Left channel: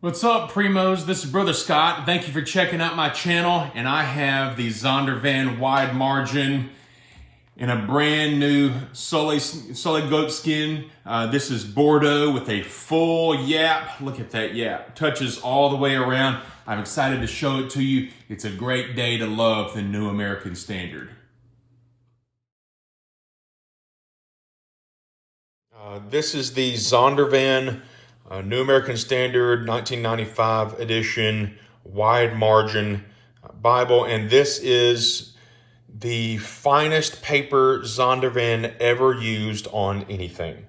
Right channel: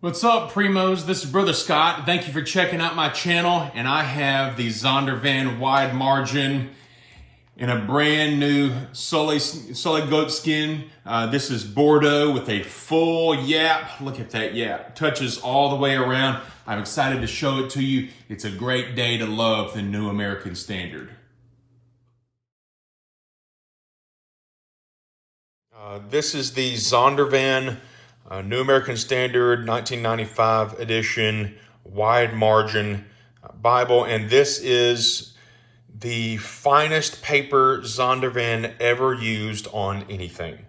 What's up, Primos? This is Brother Scott. Thank you for checking out my channel. And I have the Zondervan wide margin in a brand new Sully Goatskin. This is Bordeaux with a full Yapp. Look at that Yapp. Touches all the way around. I'm excited to show it to you. It's a great day to love the New American Standard. This is the Zondervan New American Standard 1995 edition wide margin Bible, and this is the finest paper Zondervan ever used on anything.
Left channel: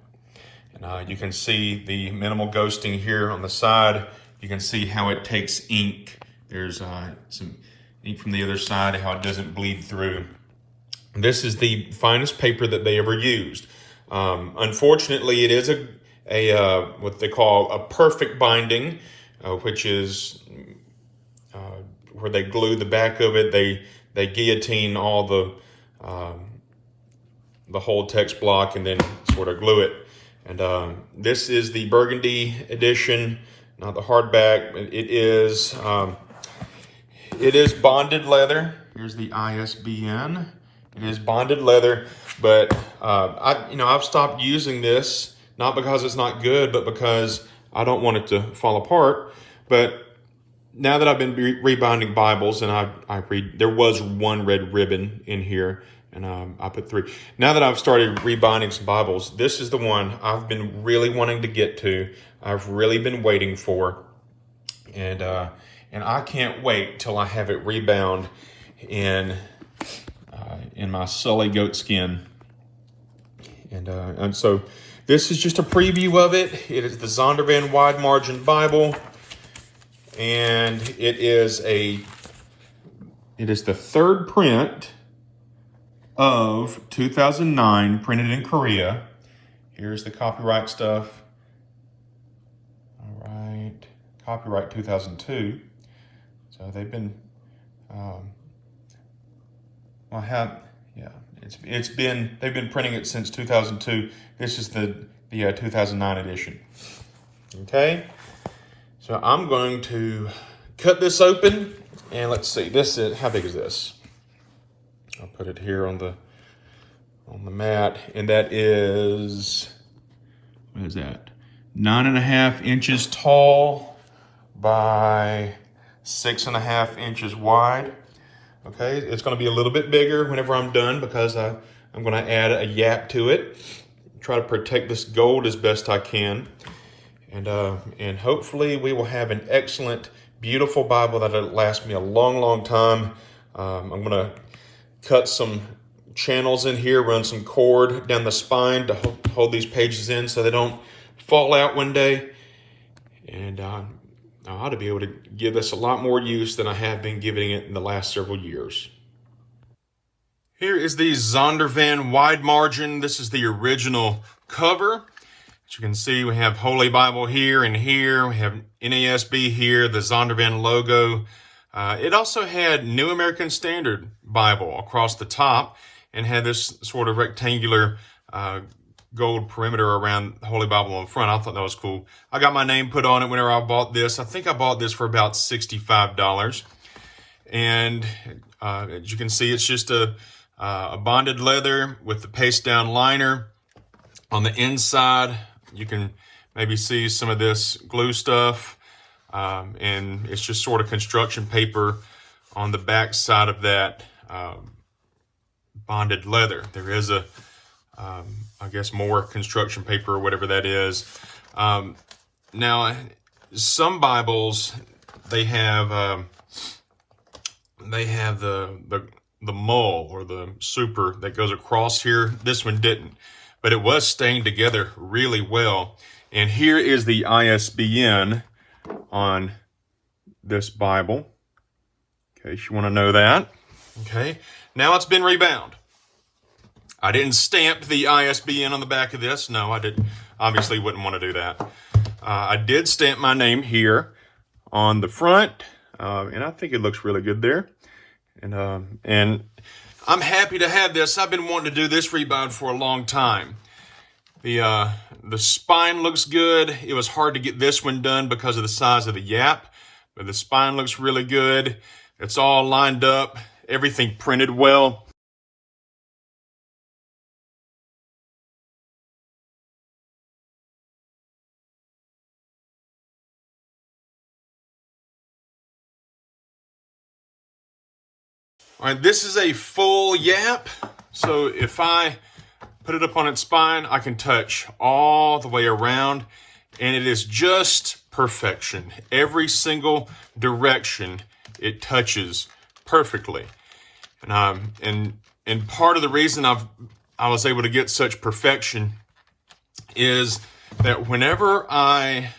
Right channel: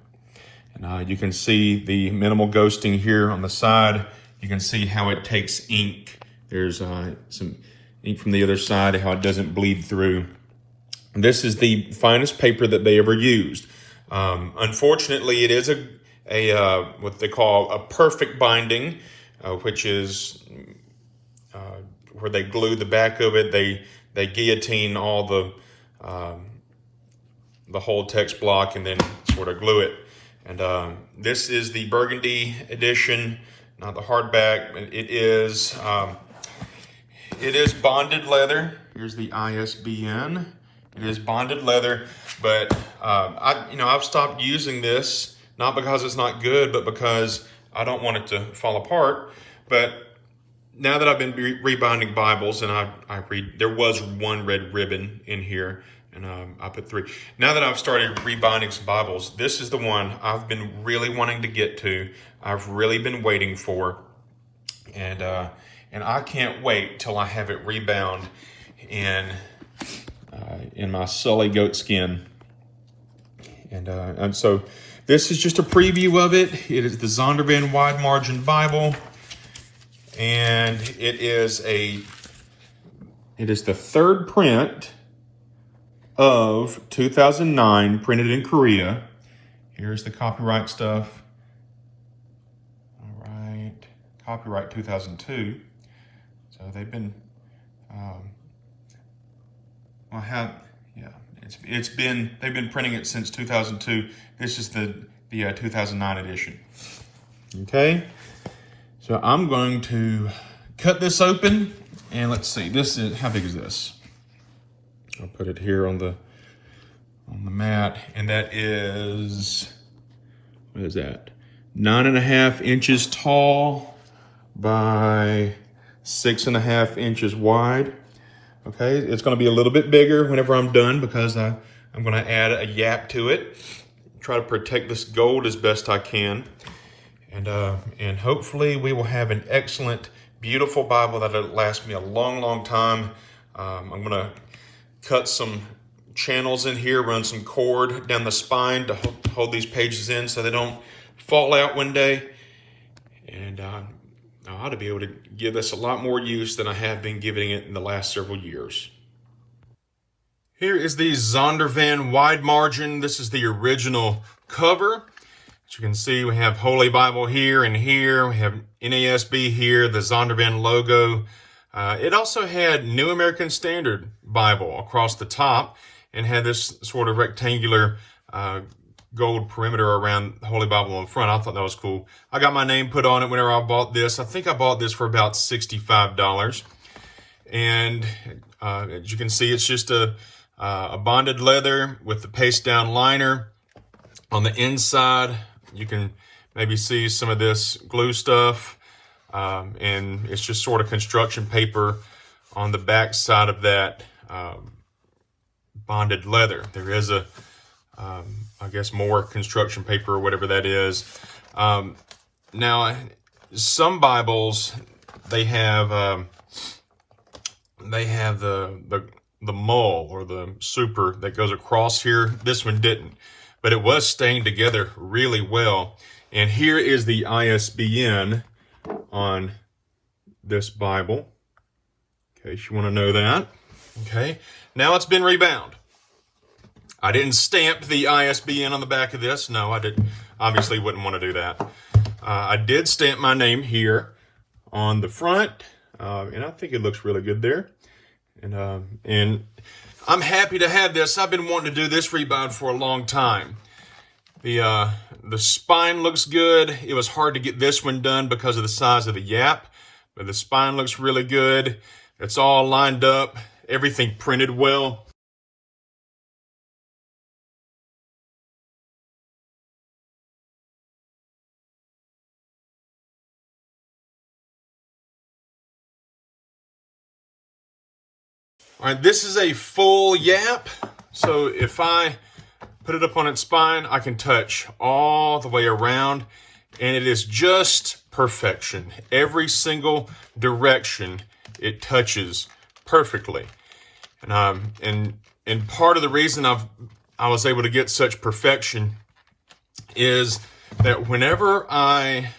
And you can see the minimal ghosting here on the side. You can see how it takes ink. There's some ink from the other side, how it doesn't bleed through. And this is the finest paper that they ever used. Unfortunately, it is a what they call a perfect binding, which is where they glue the back of it. They guillotine all the whole text block and then sort of glue it. And this is the burgundy edition, not the hardback. It is bonded leather. Here's the ISBN. It is bonded leather, but I've stopped using this. Not because it's not good, but because I don't want it to fall apart. But now that I've been rebinding Bibles, and I read, there was one red ribbon in here, and I put 3. Now that I've started rebinding some Bibles, this is the one I've been really wanting to get to. I've really been waiting for, and I can't wait till I have it rebound in my Sully Goatskin, and so. This is just a preview of it. It is the Zondervan Wide Margin Bible, and it is the third print of 2009, printed in Korea. Here's the copyright stuff. All right, copyright 2002. So they've been, they've been printing it since 2002. This is the 2009 edition. Okay, so I'm going to cut this open, and let's see. This is, how big is this? I'll put it here on the mat, and that is, what is that? 9.5 inches tall by 6.5 inches wide. Okay, it's going to be a little bit bigger whenever I'm done because I'm going to add a Yapp to it. Try to protect this gold as best I can. And hopefully we will have an excellent, beautiful Bible that'll last me a long, long time. I'm going to cut some channels in here, run some cord down the spine to hold these pages in so they don't fall out one day. And I ought to be able to give this a lot more use than I have been giving it in the last several years. Here is the Zondervan wide margin. This is the original cover. As you can see, we have Holy Bible here and here. We have NASB here, the Zondervan logo. It also had New American Standard Bible across the top and had this sort of rectangular gold perimeter around the Holy Bible on the front. I thought that was cool. I got my name put on it whenever I bought this. I think I bought this for about $65. And as you can see, it's just a bonded leather with the paste down liner. On the inside, you can maybe see some of this glue stuff. And it's just sort of construction paper on the back side of that bonded leather. There is I guess more construction paper or whatever that is. Now, some Bibles, they have the mull or the super that goes across here. This one didn't, but it was staying together really well. And here is the ISBN on this Bible, in case you want to know that. Okay, now it's been rebound. I didn't stamp the ISBN on the back of this. No, I didn't. Obviously wouldn't want to do that. I did stamp my name here on the front, and I think it looks really good there. And I'm happy to have this. I've been wanting to do this rebind for a long time. The spine looks good. It was hard to get this one done because of the size of the Yapp, but the spine looks really good. It's all lined up, everything printed well. All right, this is a full Yapp. So if I put it up on its spine, I can touch all the way around, and it is just perfection. Every single direction it touches perfectly. And part of the reason I was able to get such perfection is that whenever I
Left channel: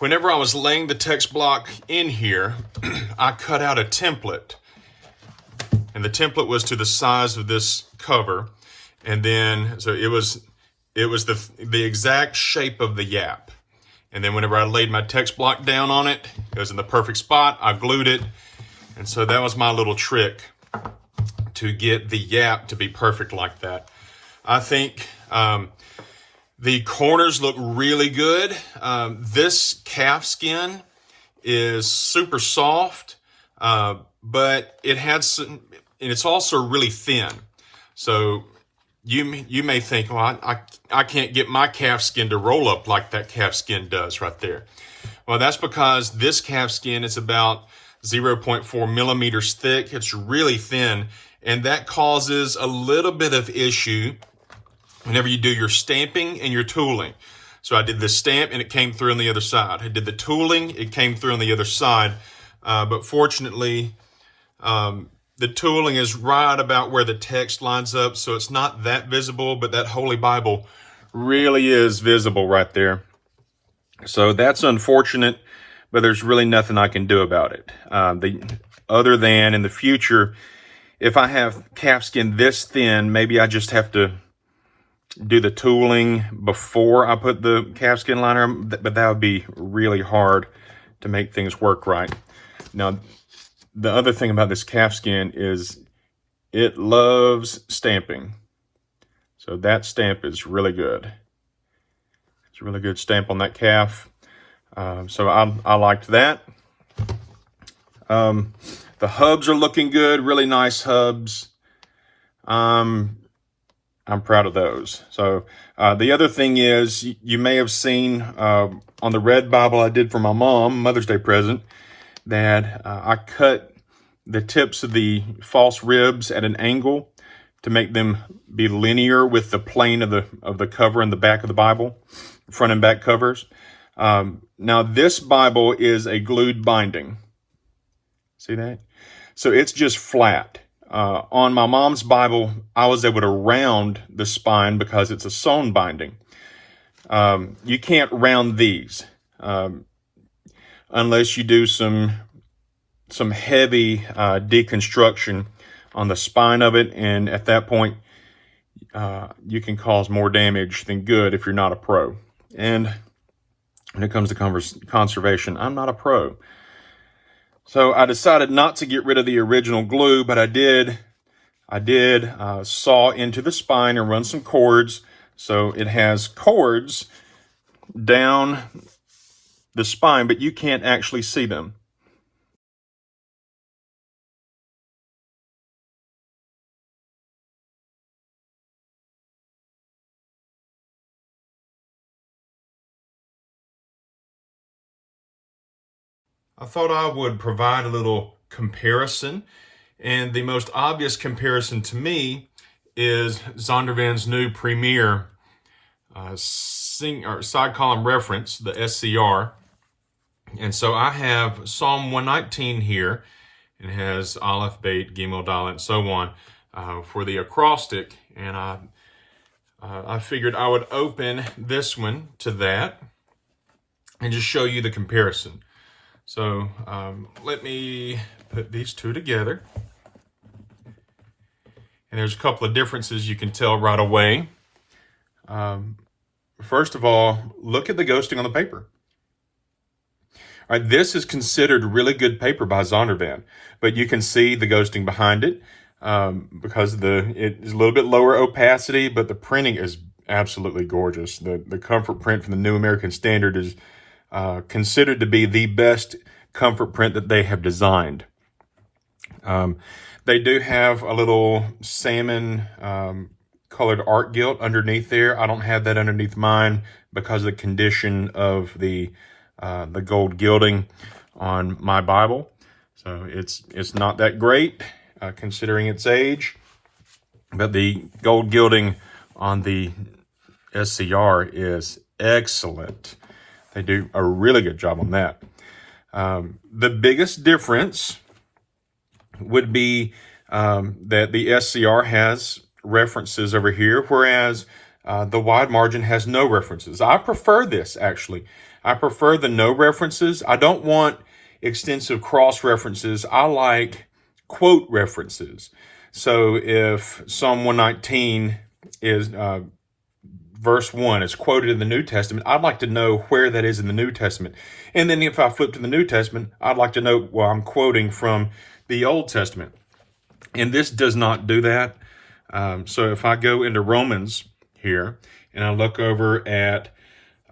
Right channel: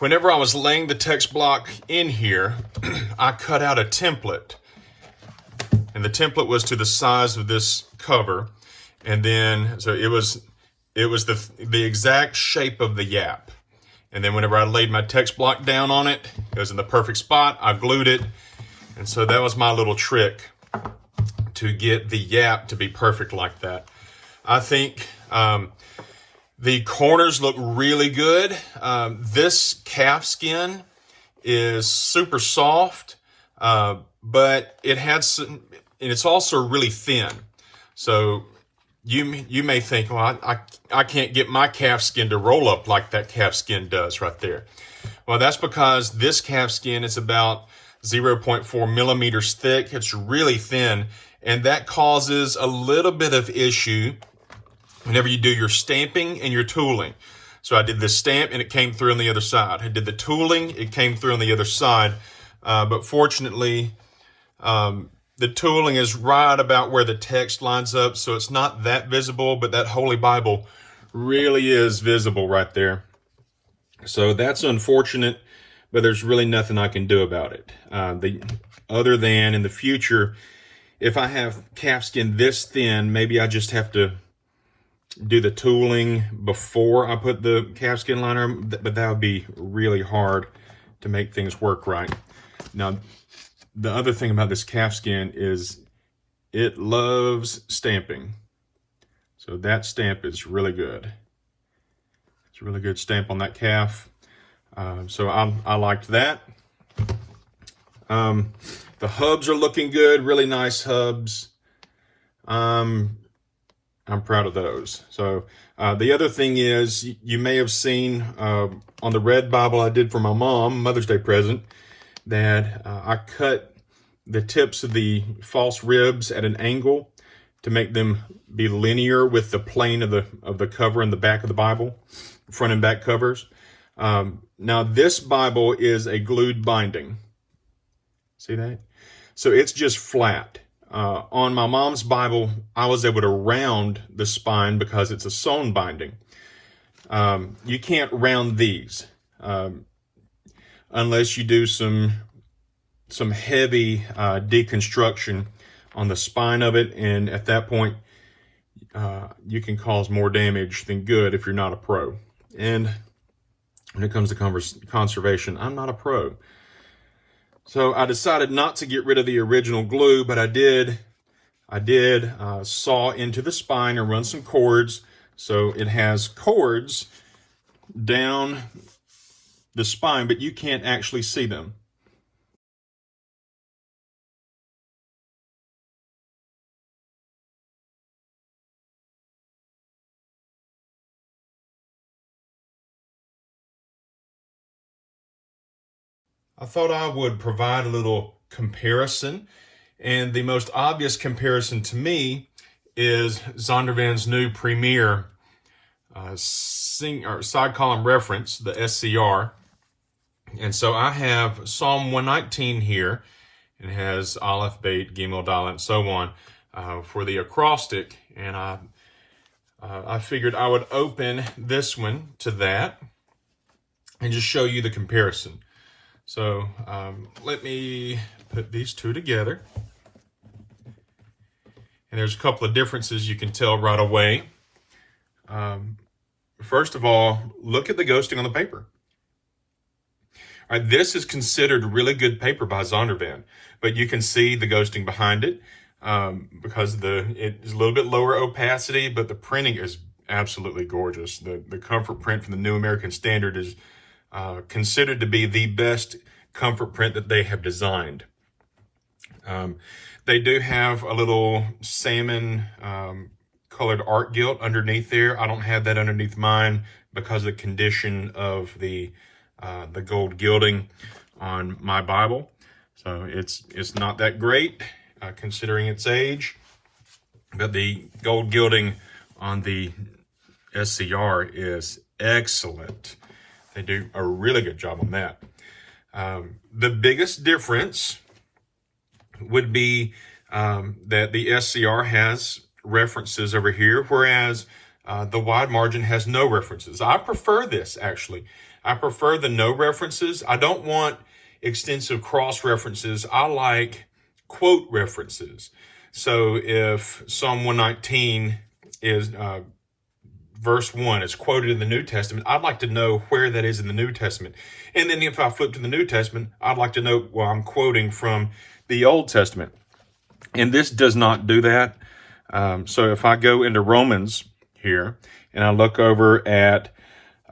was laying the text block in here, I cut out a template. And the template was to the size of this cover. And then, so it was the exact shape of the Yapp. And then whenever I laid my text block down on it, it was in the perfect spot. I glued it. And so that was my little trick to get the Yapp to be perfect like that. I think the corners look really good. This calfskin is super soft, but it had some, and it's also really thin. So you may think, well, I can't get my calfskin to roll up like that calfskin does right there. Well, that's because this calfskin is about 0.4 millimeters thick. It's really thin, and that causes a little bit of issue whenever you do your stamping and your tooling. So I did the stamp and it came through on the other side. I did the tooling, it came through on the other side. But fortunately, the tooling is right about where the text lines up, so it's not that visible, but that Holy Bible really is visible right there. So that's unfortunate, but there's really nothing I can do about it. Other than in the future, if I have calfskin this thin, maybe I just have to do the tooling before I put the calfskin liner on, but that would be really hard to make things work right. Now, the other thing about this calfskin is it loves stamping. So that stamp is really good. It's a really good stamp on that calf. So I liked that. The hubs are looking good, really nice hubs. I'm proud of those. So the other thing is, you may have seen on the red Bible I did for my mom, Mother's Day present, that I cut the tips of the false ribs at an angle to make them be linear with the plane of the cover and the back of the Bible, front and back covers. Now this Bible is a glued binding. See that? So it's just flat. On my mom's Bible, I was able to round the spine because it's a sewn binding. You can't round these unless you do some heavy deconstruction on the spine of it, and at that point, you can cause more damage than good if you're not a pro. And when it comes to conservation, I'm not a pro. So I decided not to get rid of the original glue, but I did saw into the spine and run some cords. So it has cords down the spine, but you can't actually see them. I thought I would provide a little comparison, and the most obvious comparison to me is Zondervan's new Premier side column reference, the ZSCR. And so I have Psalm 119 here, and it has Aleph, Beit, Gimel, Dalet, and so on for the acrostic. And I figured I would open this one to that and just show you the comparison. So let me put these two together. And there's a couple of differences you can tell right away. First of all, look at the ghosting on the paper. All right, this is considered really good paper by Zondervan, but you can see the ghosting behind it because it is a little bit lower opacity, but the printing is absolutely gorgeous. The comfort print from the New American Standard is considered to be the best comfort print that they have designed. They do have a little salmon colored art gilt underneath there. I don't have that underneath mine because of the condition of the gold gilding on my Bible. So it's not that great considering its age. But the gold gilding on the ZSCR is excellent. They do a really good job on that. The biggest difference would be that the ZSCR has references over here, whereas the wide margin has no references. I prefer this, actually. I prefer the no references. I don't want extensive cross references. I like quote references. So if Psalm 119 is verse 1 is quoted in the New Testament, I'd like to know where that is in the New Testament. And then if I flip to the New Testament, I'd like to know, well, I'm quoting from the Old Testament. And this does not do that. So if I go into Romans here and I look over at,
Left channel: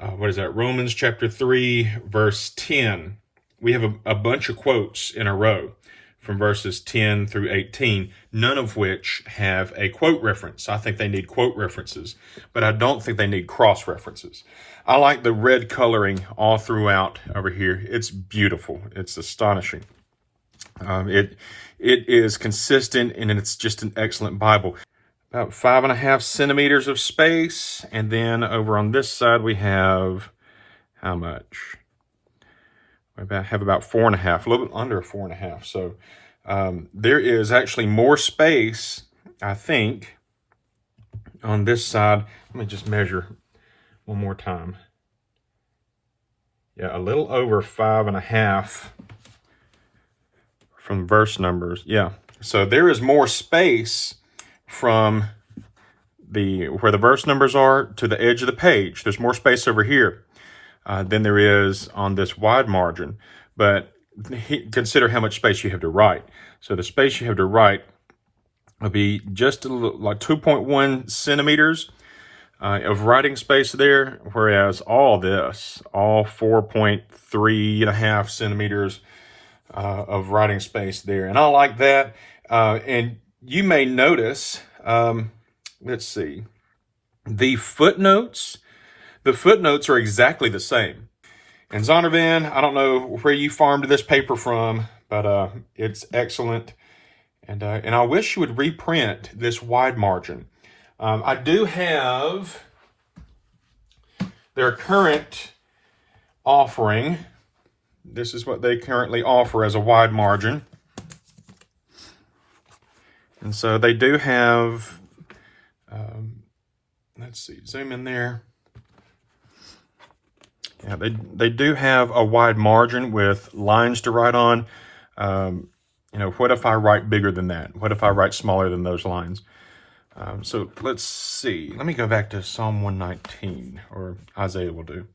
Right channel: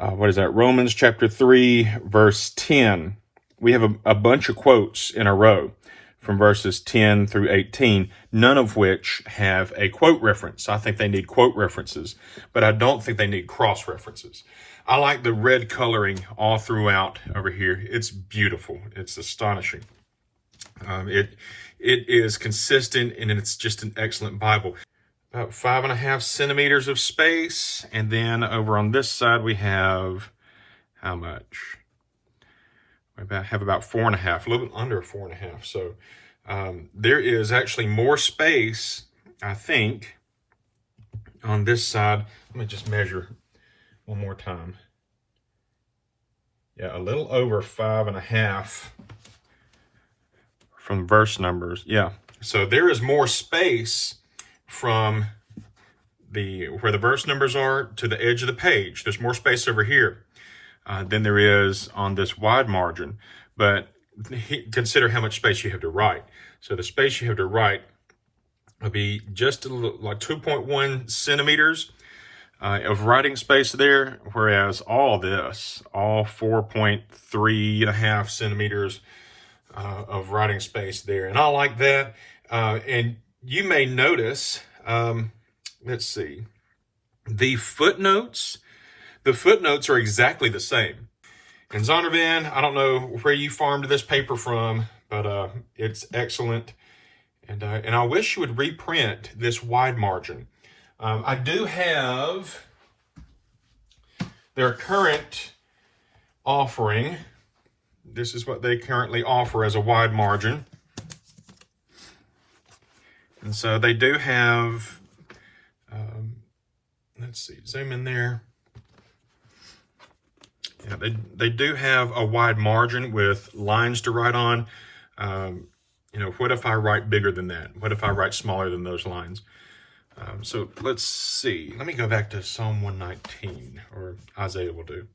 Romans chapter 3, verse 10, we have a bunch of quotes in a row from verses 10 through 18, none of which have a quote reference. I think they need quote references, but I don't think they need cross references. I like the red coloring all throughout over here. It's beautiful. It's astonishing. It is consistent, and it's just an excellent Bible. About 5.5 centimeters of space, and then over on this side we have how much? We have about 4.5, a little bit under 4.5. So there is actually more space, I think, on this side. Let me just measure one more time. Yeah, a little over 5.5 from verse numbers. Yeah, so there is more space from where the verse numbers are to the edge of the page. There's more space over here than there is on this wide margin. But consider how much space you have to write. So the space you have to write will be just a little, like 2.1 centimeters of writing space there, whereas all 4.3.5 centimeters of writing space there. And I like that. And you may notice, let's see, the footnotes are exactly the same. And Zondervan, I don't know where you farmed this paper from, but it's excellent. And I wish you would reprint this wide margin. I do have their current offering. This is what they currently offer as a wide margin. And so they do have, let's see, zoom in there. Yeah, they do have a wide margin with lines to write on. What if I write bigger than that? What if I write smaller than those lines? So let's see. Let me go back to Psalm 119, or Isaiah will do.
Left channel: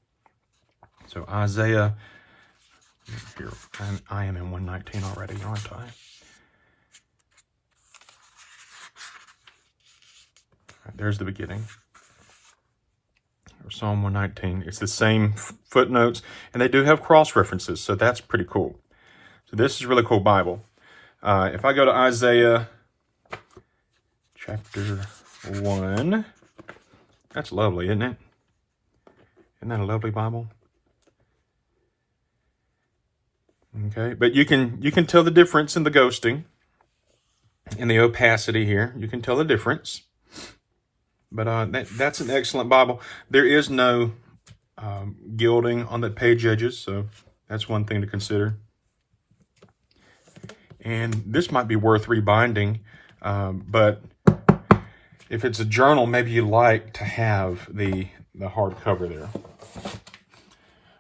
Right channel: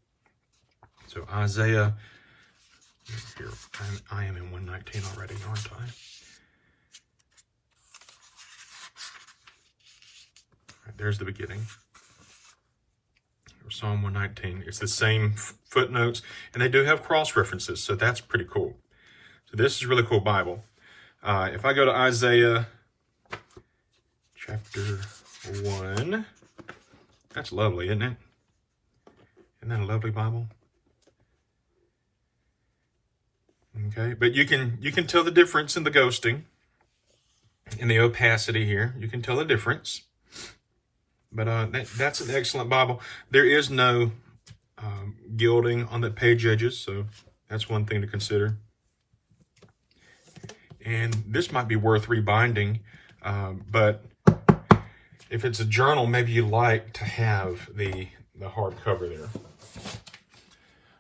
So Isaiah, here, I am in 119 already, aren't I? Right, there's the beginning. Psalm 119. It's the same footnotes, and they do have cross references, so that's pretty cool. So this is a really cool Bible. If I go to Isaiah chapter 1, that's lovely, isn't it? Isn't that a lovely Bible? Okay, but you can tell the difference in the ghosting, in the opacity here. You can tell the difference. But that's an excellent Bible. There is no gilding on the page edges, so that's one thing to consider. And this might be worth rebinding, but if it's a journal, maybe you like to have the hard cover there.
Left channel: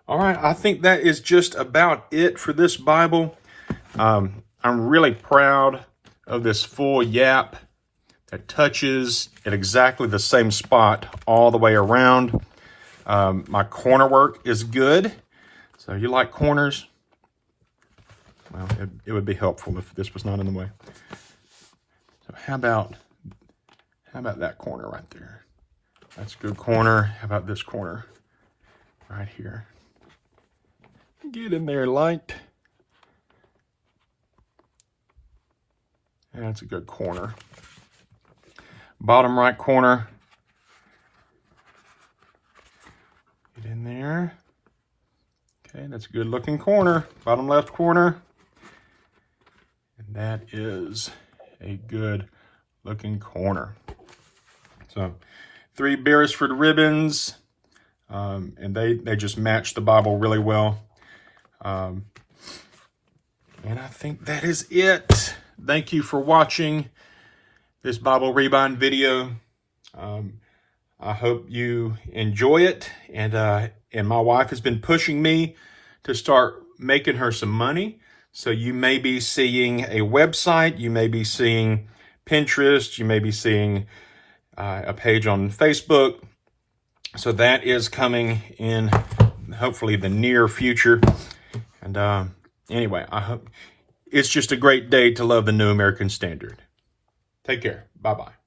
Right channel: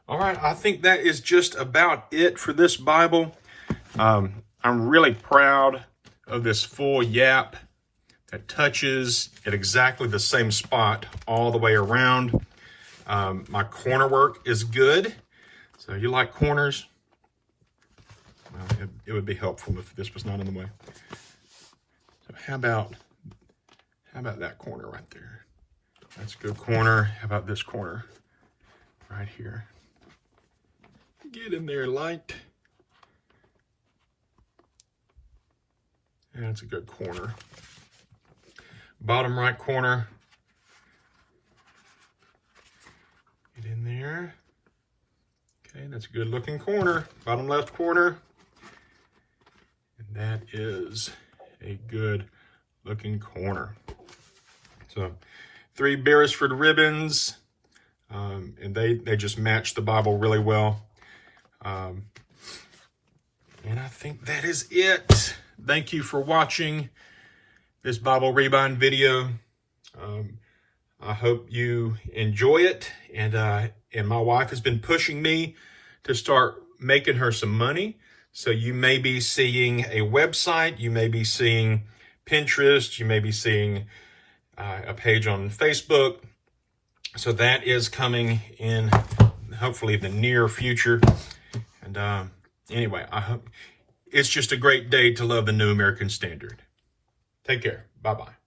All right, I think that is just about it for this Bible. I'm really proud of this full Yapp. It touches at exactly the same spot all the way around. My corner work is good. So you like corners? Well, it would be helpful if this was not in the way. So how about that corner right there? That's a good corner. How about this corner right here? Get in there, light. And that's a good corner. Bottom right corner. Get in there. Okay, that's a good looking corner. Bottom left corner. And that is a good looking corner. So 3 Beresford ribbons, and they just match the Bible really well. And I think that is it. Thank you for watching this Bible Rebind video. I hope you enjoy it. And my wife has been pushing me to start making her some money. So you may be seeing a website, you may be seeing Pinterest, you may be seeing a page on Facebook. So that is coming in hopefully the near future. And anyway, I hope it's just a great day to love the New American Standard. Take care. Bye-bye.